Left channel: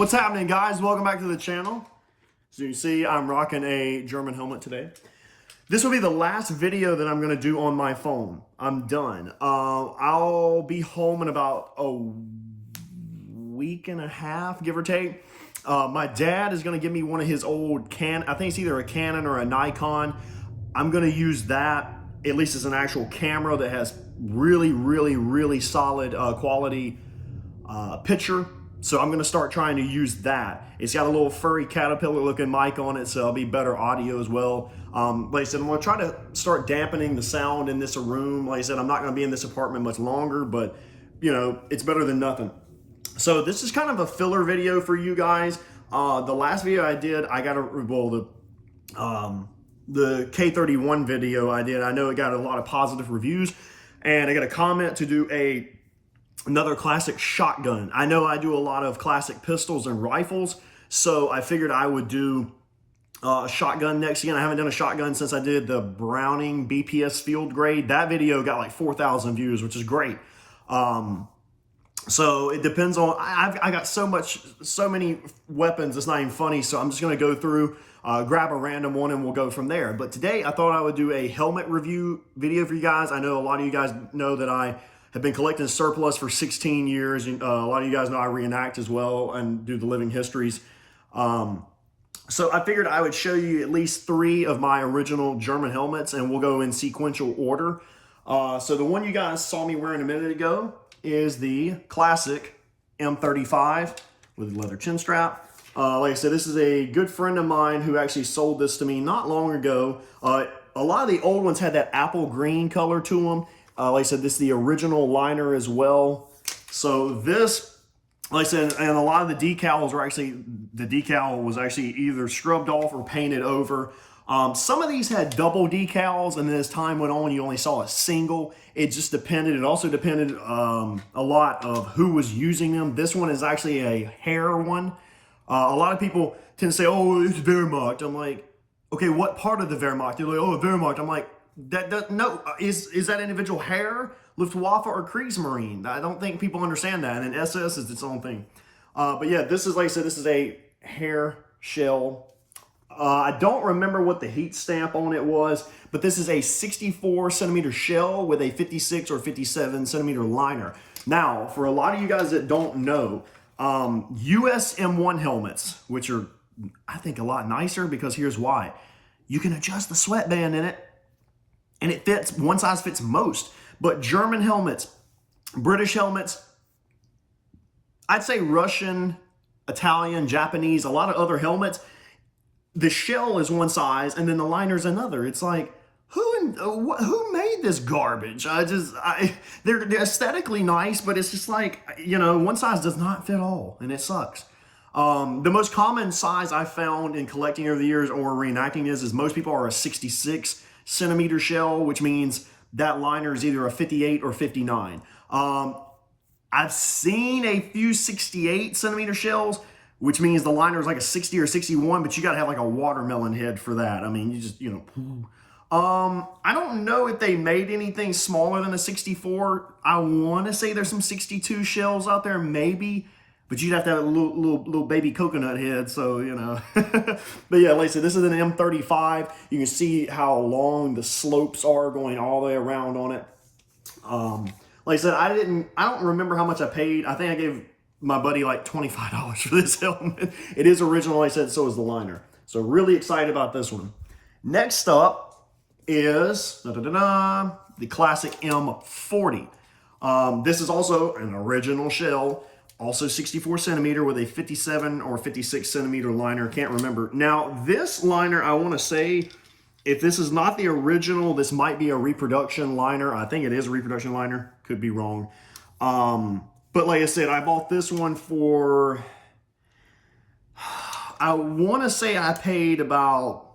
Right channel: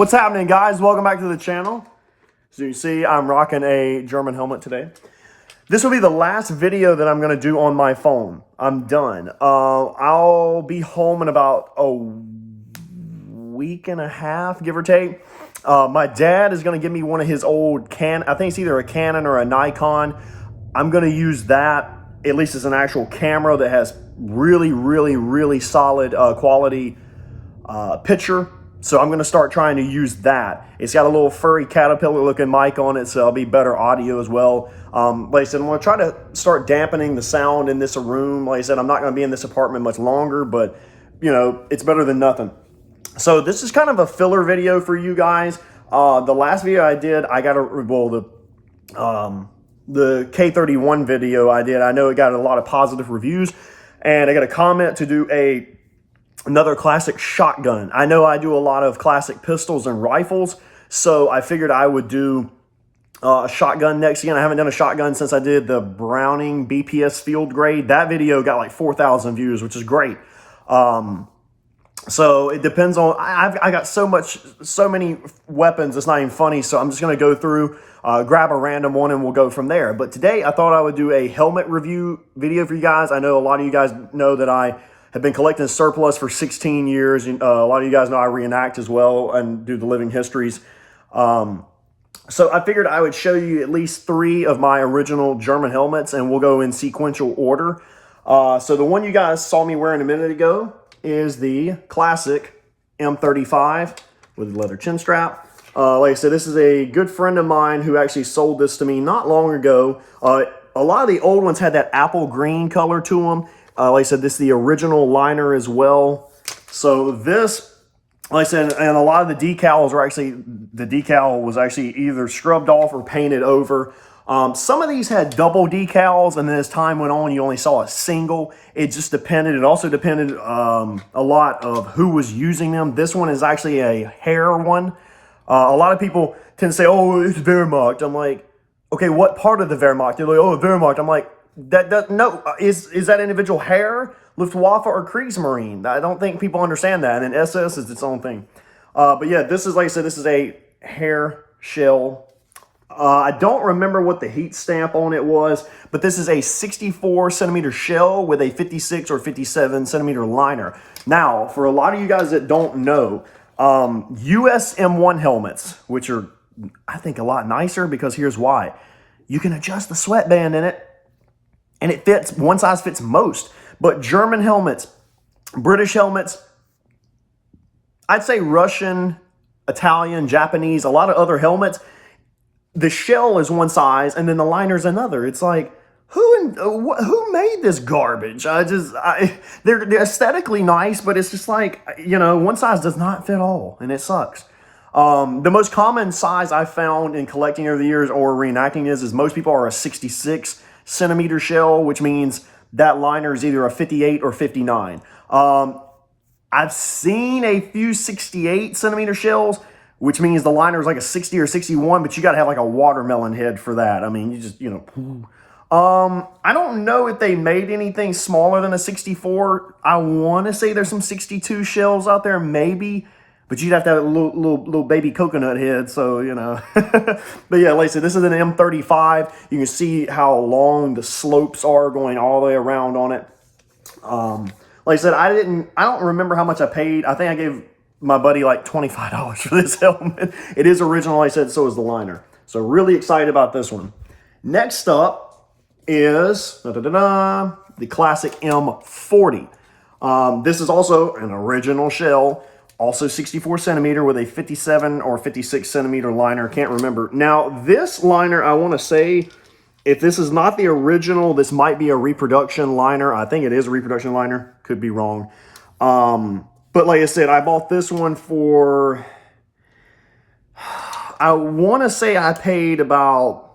What's happening, guys? Welcome back to the channel. So you see, I'm rocking a German helmet today. This will be the last video that I'm going to do on my phone. I'm done. I'll be home in about a week and a half, give or take. My dad is going to give me one of his old I think it's either a Canon or a Nikon. I'm going to use that, at least as an actual camera that has really solid quality picture. So I'm going to start trying to use that. It's got a little furry caterpillar looking mic on it, so it'll be better audio as well. Like I said, I'm going to try to start dampening the sound in this room. Like I said, I'm not going to be in this apartment much longer, but you know, it's better than nothing. So this is kind of a filler video for you guys. The last video I did, I got the K31 video I did, I know it got a lot of positive reviews, and I got a comment to do another classic shotgun. I know I do a lot of classic pistols and rifles, so I figured I would do a shotgun next. Again, I haven't done a shotgun since I did the Browning BPS field grade. That video got like 4,000 views, which is great. So it depends on, I got so many weapons, it's not even funny, so I'm just going to go through, grab a random one, and we'll go from there. But today, I thought I would do a helmet review video for you guys. I know a lot of you guys know that I have been collecting surplus for 16 years. A lot of you guys know I reenact as well and do the living histories. So I figured I would show you at least 3 of my original German helmets, and we'll go in sequential order. So the one you guys saw me wearing a minute ago is the classic M35 with a leather chin strap. Like I said, this is a good friend of mine who actually sold this to me not long ago. A lot of the old ones had that apple green color to them. Like I said, this is the original liner as well. So this, like I said, and a lot of the decals were actually, the decal was actually either scrubbed off or painted over. Some of these had double decals, and then as time went on, you only saw a single. It just depended. It also depended a lot of who was using them. This one is actually a hair one. A lot of people tend to say, oh, it's Wehrmacht. I'm like, okay, what part of the Wehrmacht? They're like, oh, Wehrmacht. I'm like, no, is that individual hair, Luftwaffe, or Kriegsmarine? I don't think people understand that. And then SS is its own thing. But yeah, this is, like I said, this is a hair shell. I don't remember what the heat stamp on it was, but this is a 64 centimeter shell with a 56 or 57 centimeter liner. Now, for a lot of you guys that don't know, US M1 helmets, which are, I think, a lot nicer, because here's why. You can adjust the sweatband in it, and it fits, one size fits most. But German helmets, British helmets, I'd say Russian, Italian, Japanese, a lot of other helmets, the shell is one size and then the liner's another. It's like, who made this garbage? They're aesthetically nice, but it's just like, you know, one size does not fit all, and it sucks. The most common size I found in collecting over the years or reenacting is most people are a 66 centimeter shell, which means that liner is either a 58 or 59. I've seen a few 68 centimeter shells, which means the liner is like a 60 or 61, but you got to have like a watermelon head for that. I mean, you just, you know. I don't know if they made anything smaller than a 64. I want to say there's some 62 shells out there, maybe, but you'd have to have a little baby coconut head, so, you know. But yeah, like I said, this is an M35. You can see how long the slopes are going all the way around on it. Like I said, I don't remember how much I paid. I think I gave my buddy like $25 for this helmet. It is original, like I said, so is the liner. So really excited about this one. Next up is the classic M40. This is also an original shell, also 64 centimeter with a 57 or 56 centimeter liner. Can't remember. Now, this liner, I want to say, if this is not the original, this might be a reproduction liner. I think it is a reproduction liner. Could be wrong. But like I said, I bought this one for, I want to say I paid about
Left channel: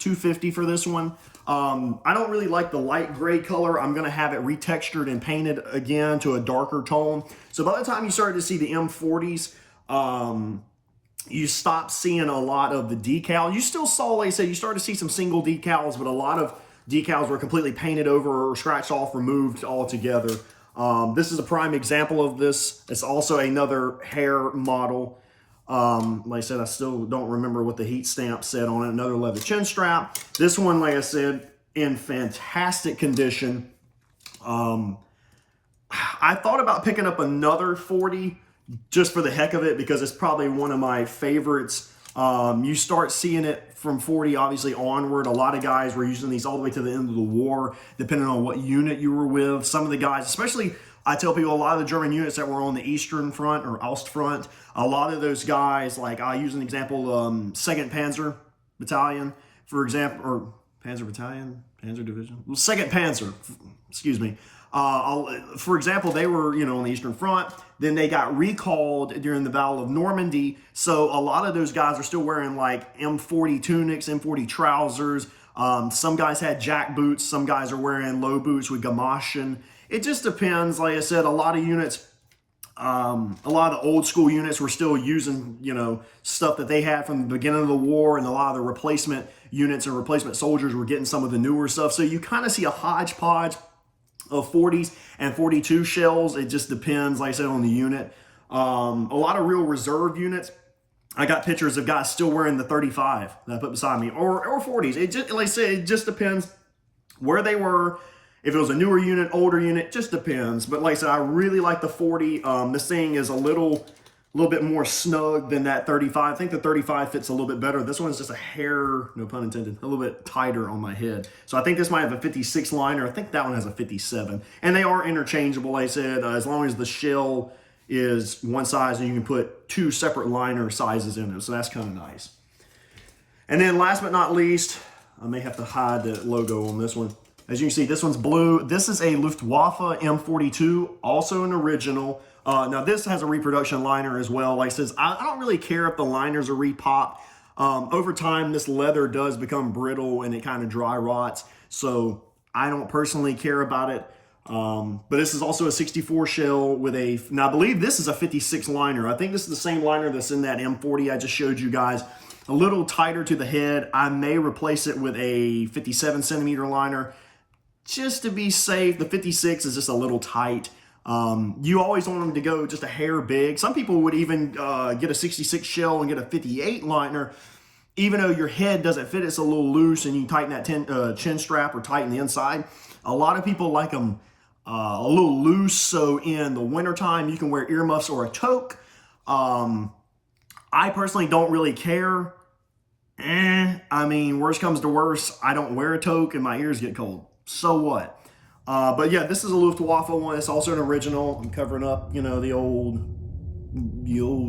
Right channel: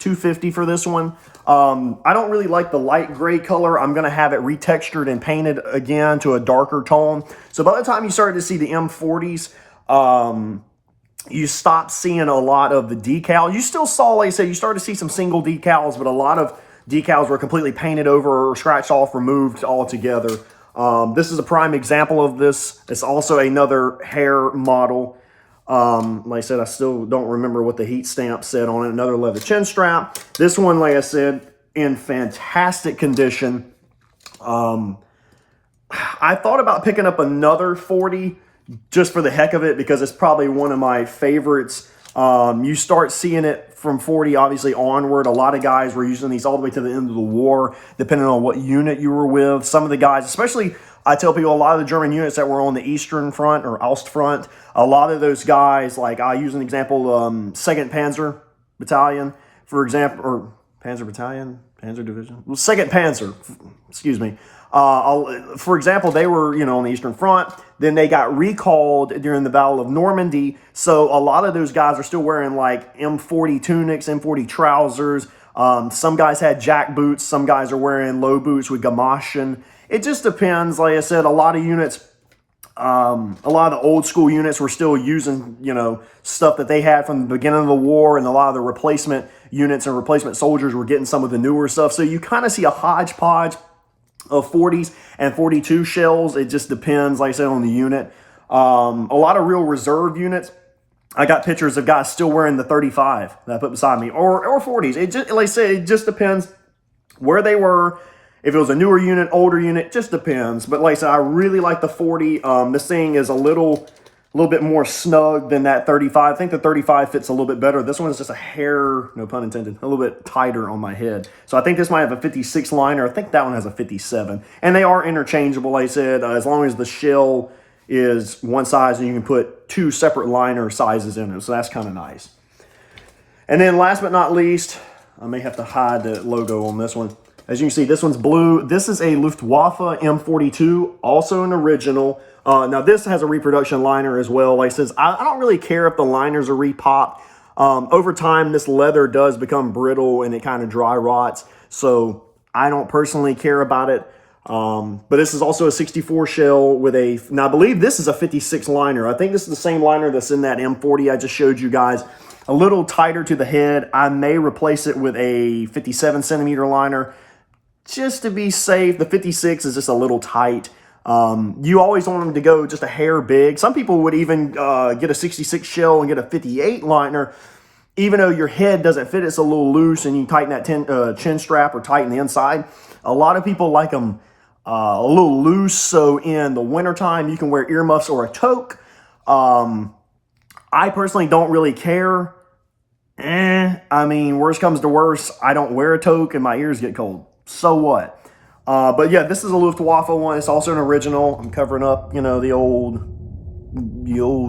$250 for this one. I don't really like the light gray color. I'm going to have it retextured and painted again to a darker tone. So by the time you started to see the M40s, you stopped seeing a lot of the decal. You still saw, like I said, you started to see some single decals, but a lot of decals were completely painted over or scratched off, removed altogether. This is a prime example of this. It's also another hair model. Like I said, I still don't remember what the heat stamp said on it. Another leather chin strap. This one, like I said, in fantastic condition. I thought about picking up another 40 just for the heck of it because it's probably one of my favorites. You start seeing it from 40 obviously onward. A lot of guys were using these all the way to the end of the war, depending on what unit you were with. Some of the guys, especially, I tell people, a lot of the German units that were on the Eastern Front or Ostfront, a lot of those guys, like I use an example, 2nd Panzer Battalion, for example, or Panzer Battalion, Panzer Division, well, 2nd Panzer, excuse me. For example, they were, on the Eastern Front. Then they got recalled during the Battle of Normandy. So a lot of those guys are still wearing like M40 tunics, M40 trousers. Some guys had jack boots. Some guys are wearing low boots with Gamaschen. It just depends. Like I said, a lot of units, a lot of the old school units were still using, stuff that they had from the beginning of the war, and a lot of the replacement units and replacement soldiers were getting some of the newer stuff. So you kind of see a hodgepodge of 40s and 42 shells. It just depends, like I said, on the unit. A lot of real reserve units. I got pictures of guys still wearing the 35 that I put beside me, or 40s. It just, like I said, it just depends where they were. If it was a newer unit, older unit, just depends. But like I said, I really like the 40. This thing is a little bit more snug than that 35. I think the 35 fits a little bit better. This one is just a hair, no pun intended, a little bit tighter on my head. So I think this might have a 56 liner. I think that one has a 57. And they are interchangeable, like I said, as long as the shell is one size and you can put 2 separate liner sizes in it. So that's kind of nice. And then last but not least, I may have to hide the logo on this one. As you can see, this one's blue. This is a Luftwaffe M42, also an original. Now, this has a reproduction liner as well. Like I says, I don't really care if the liners are repopped. Over time, this leather does become brittle and it kind of dry rots. So I don't personally care about it. But this is also a 64 shell with a, now I believe this is a 56 liner. I think this is the same liner that's in that M40 I just showed you guys. A little tighter to the head. I may replace it with a 57 centimeter liner just to be safe. The 56 is just a little tight. You always want them to go just a hair big. Some people would even get a 66 shell and get a 58 liner, even though your head doesn't fit. It's a little loose and you tighten that chin strap or tighten the inside. A lot of people like them a little loose, so in the wintertime you can wear earmuffs or a toque. I personally don't really care. I mean, worst comes to worst, I don't wear a toque and my ears get cold. So what? But yeah, this is a Luftwaffe one. It's also an original. I'm covering up, the old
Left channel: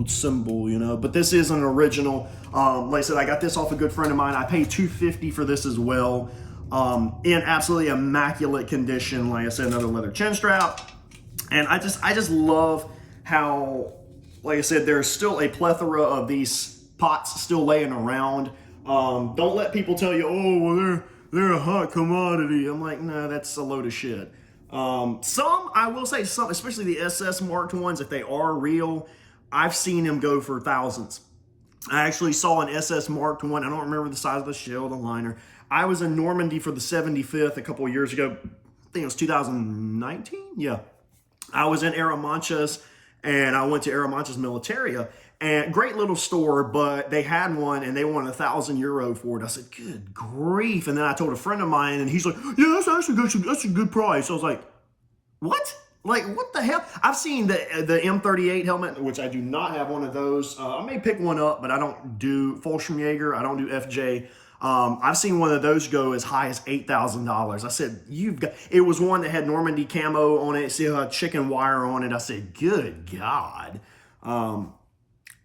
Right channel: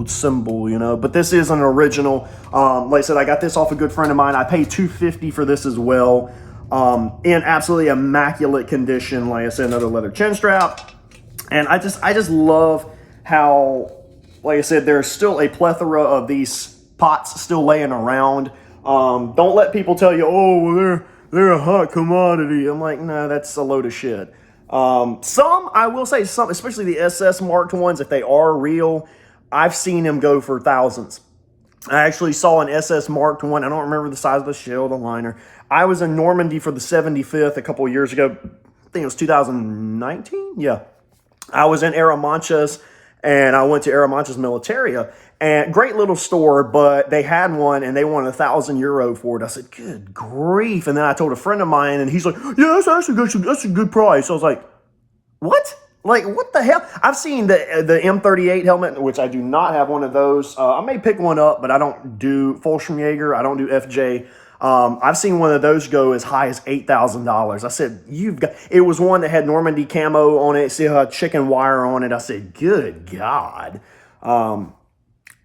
symbol, but this is an original. Like I said, I got this off a good friend of mine. I paid $250 for this as well. In absolutely immaculate condition. Like I said, another leather chin strap. And I just love how, like I said, there's still a plethora of these pots still laying around. Don't let people tell you, oh, well, they're a hot commodity. I'm like, no, that's a load of shit. Some, I will say, some, especially the SS marked ones, if they are real, I've seen them go for thousands. I actually saw an SS marked one. I don't remember the size of the shell, the liner. I was in Normandy for the 75th a couple of years ago. I think it was 2019. Yeah. I was in Aramanchas, and I went to Aramanchas Militaria. And great little store, but they had one and they wanted €1,000 for it. I said, good grief. And then I told a friend of mine and he's like, yeah, that's a good price. I was like, what? Like, what the hell? I've seen the M38 helmet, which I do not have one of those. I may pick one up, but I don't do Fallschirmjäger. I don't do FJ. I've seen one of those go as high as $8,000. I said, it was one that had Normandy camo on it. See how chicken wire on it. I said, good God.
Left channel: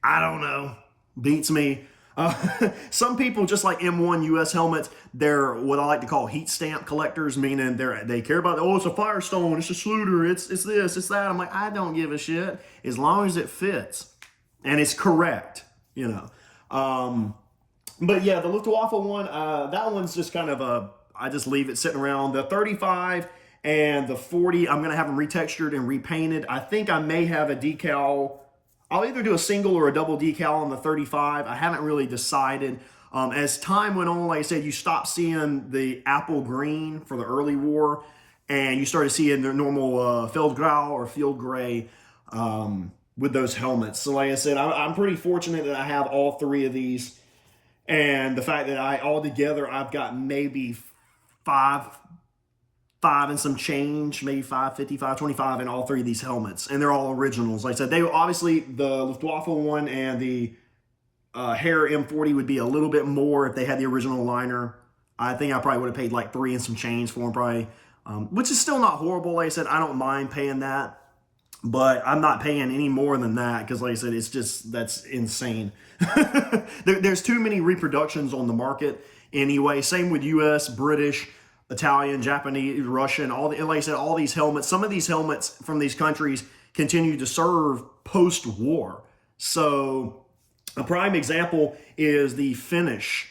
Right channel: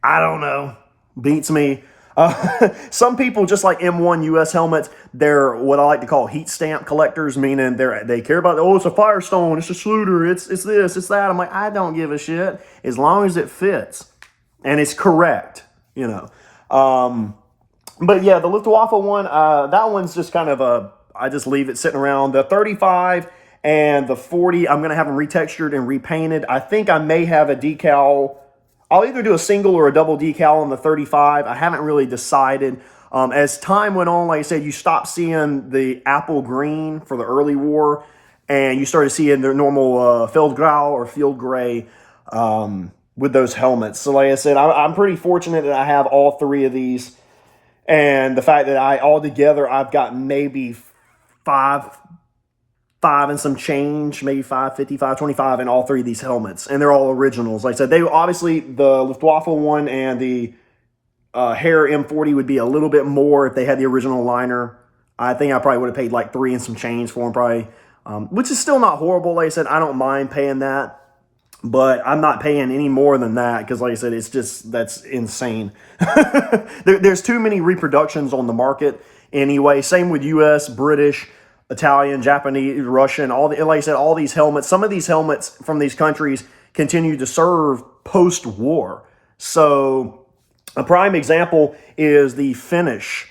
I don't know. Beats me. Some people, just like M1 US helmets, they're what I like to call heat stamp collectors, meaning they care about, oh, it's a Firestone, it's a Schluter, it's this, it's that. I'm like, I don't give a shit as long as it fits and it's correct, But yeah, the Luftwaffe one, that one's just kind of I just leave it sitting around. The 35 and the 40, I'm going to have them retextured and repainted. I think I may have a decal. I'll either do a single or a double decal on the 35. I haven't really decided. As time went on, like I said, you stopped seeing the apple green for the early war, and you started seeing the normal Feldgrau or field gray. with those helmets. So like I said, I'm pretty fortunate that I have all three of these. And the fact that altogether, I've got maybe five and some change, maybe 550, 525 in all three of these helmets. And they're all originals. Like I said, they obviously, the Luftwaffe one and the Hare M40 would be a little bit more if they had the original liner. I think I probably would have paid like 3 and some change for them probably, which is still not horrible. Like I said, I don't mind paying that, but I'm not paying any more than that because, like I said, it's just, that's insane. There's too many reproductions on the market anyway. Same with US, British, Italian, Japanese, Russian, like I said, all these helmets. Some of these helmets from these countries continue to serve post-war. So a prime example is the Finnish.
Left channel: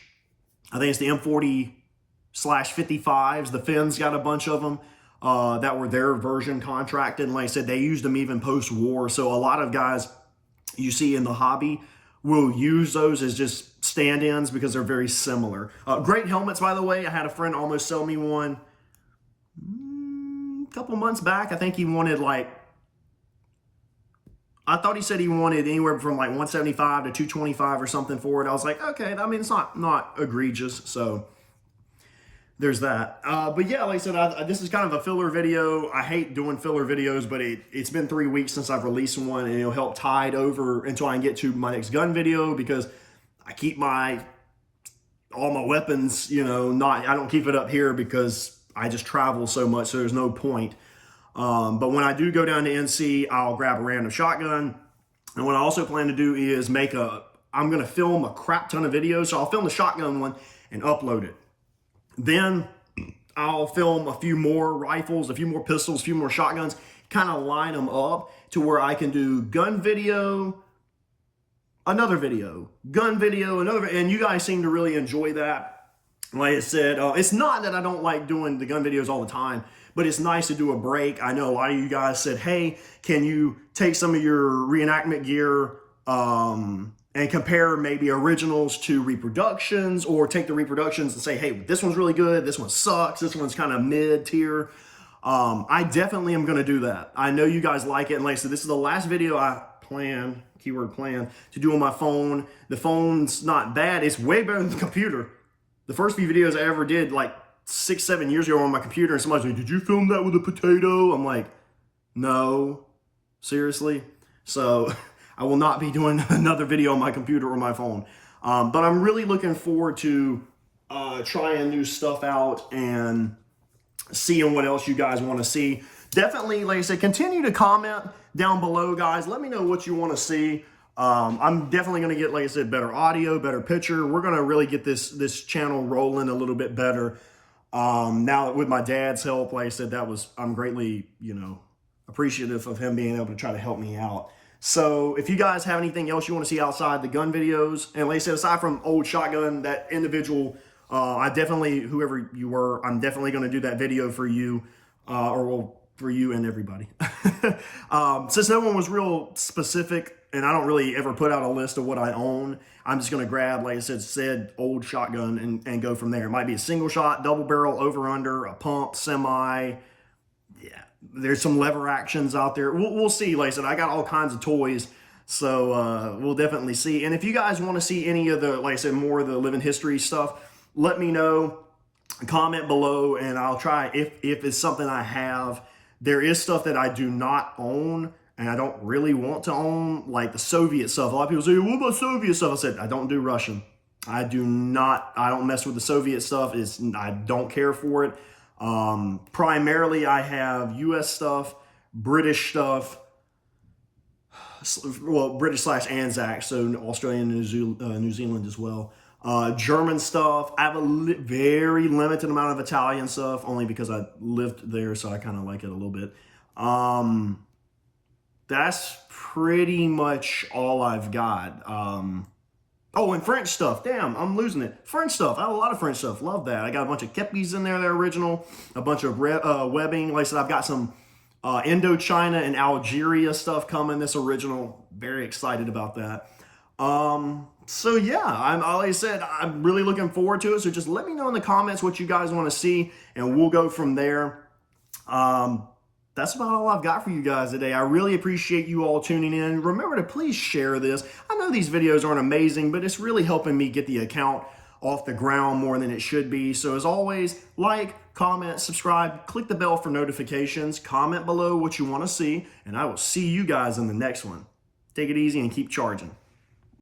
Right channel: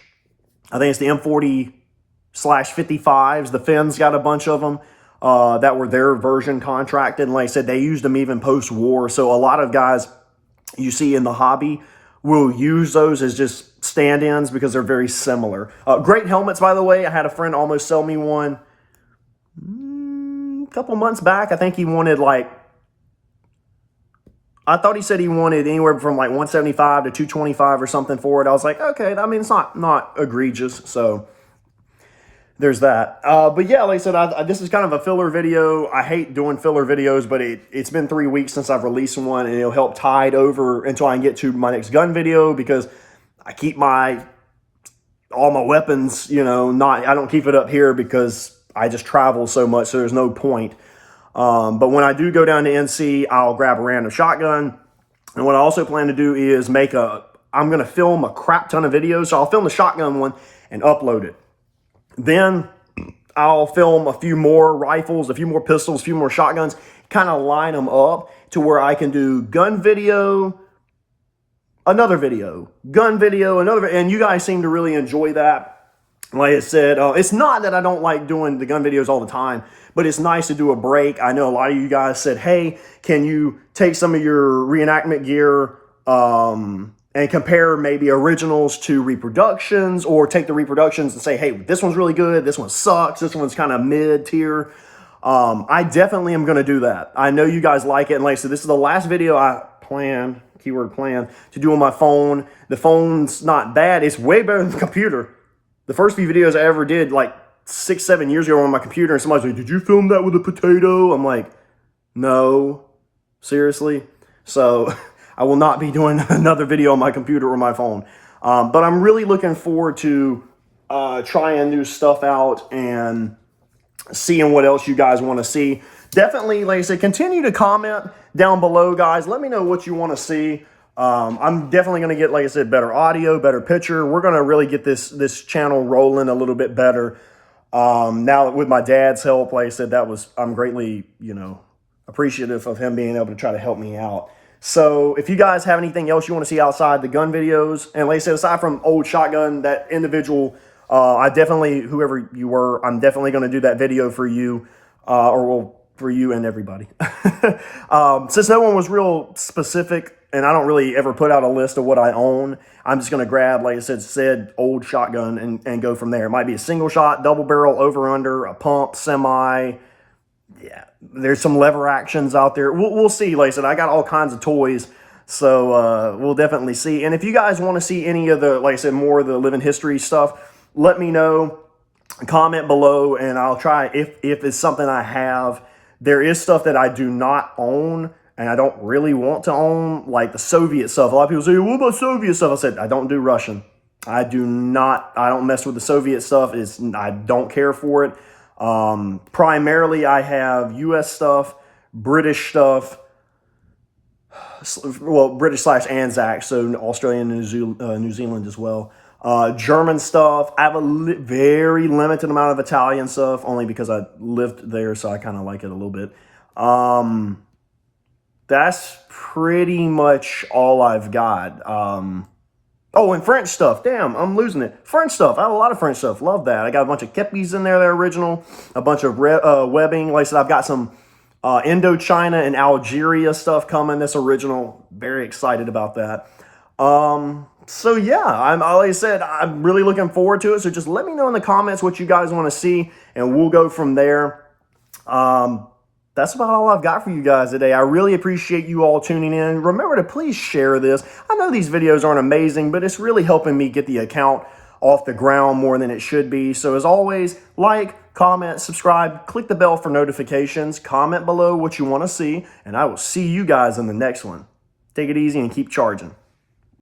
I think it's the M40/55s. The Finns got a bunch of them that were their version contracted. And like I said, they used them even post-war. So a lot of guys you see in the hobby will use those as just stand-ins because they're very similar. Great helmets, by the way. I had a friend almost sell me one a couple months back. I think he wanted I thought he said he wanted anywhere from like 175 to 225 or something for it. I was like, okay, I mean, it's not egregious. So there's that. But yeah, like I said, this is kind of a filler video. I hate doing filler videos, but it's been 3 weeks since I've released one, and it'll help tide over until I can get to my next gun video because I keep all my weapons, I don't keep it up here because I just travel so much, so there's no point. But when I do go down to NC, I'll grab a random shotgun. And what I also plan to do is I'm going to film a crap ton of videos. So I'll film the shotgun one and upload it. Then I'll film a few more rifles, a few more pistols, a few more shotguns, kind of line them up to where I can do gun video, another video, gun video, another, and you guys seem to really enjoy that. Like I said, it's not that I don't like doing the gun videos all the time, but it's nice to do a break. I know a lot of you guys said, hey, can you take some of your reenactment gear and compare maybe originals to reproductions, or take the reproductions and say, hey, this one's really good, this one sucks, this one's kind of mid-tier. I definitely am going to do that. I know you guys like it. And like I said, this is the last video I plan, keyword plan, to do on my phone. The phone's not bad. It's way better than the computer. The first few videos I ever did like 6-7 years ago on my computer, and somebody's like, did you film that with a potato? I'm like, no, seriously? So I will not be doing another video on my computer or my phone. But I'm really looking forward to trying new stuff out and seeing what else you guys want to see. Definitely, like I said, continue to comment down below, guys. Let me know what you want to see. I'm definitely going to get, like I said, better audio, better picture. We're going to really get this channel rolling a little bit better. Now with my dad's help, like I said, I'm greatly, appreciative of him being able to try to help me out. So if you guys have anything else you want to see outside the gun videos, and like I said, aside from old shotgun, that individual, whoever you were, I'm definitely going to do that video for you, for you and everybody. Since no one was real specific, and I don't really ever put out a list of what I own, I'm just going to grab, like I said, old shotgun and go from there. It might be a single shot, double barrel, over under, a pump, semi. Yeah, there's some lever actions out there. We'll see. Like I said, I got all kinds of toys, so we'll definitely see. And if you guys want to see any of the, like I said, more of the living history stuff, let me know. Comment below, and I'll try, if it's something I have. There is stuff that I do not own, and I don't really want to own, like the Soviet stuff. A lot of people say, what about Soviet stuff? I said, I don't do Russian. I don't mess with the Soviet stuff. I don't care for it. Primarily, I have U.S. stuff, British stuff, well, British/Anzac, so Australian and New Zealand as well. German stuff. I have a very limited amount of Italian stuff, only because I lived there, so I kind of like it a little bit. That's pretty much all I've got. Oh, and French stuff. Damn, I'm losing it. French stuff. I have a lot of French stuff. Love that. I got a bunch of kepis in there that are original. A bunch of webbing. Like I said, I've got some Indochina and Algeria stuff coming that's original. Very excited about that. So yeah, like I said, I'm really looking forward to it. So just let me know in the comments what you guys want to see, and we'll go from there. That's about all I've got for you guys today. I really appreciate you all tuning in. Remember to please share this. I know these videos aren't amazing, but it's really helping me get the account off the ground more than it should be. So as always, like, comment, subscribe, click the bell for notifications, comment below what you want to see, and I will see you guys in the next one. Take it easy and keep charging.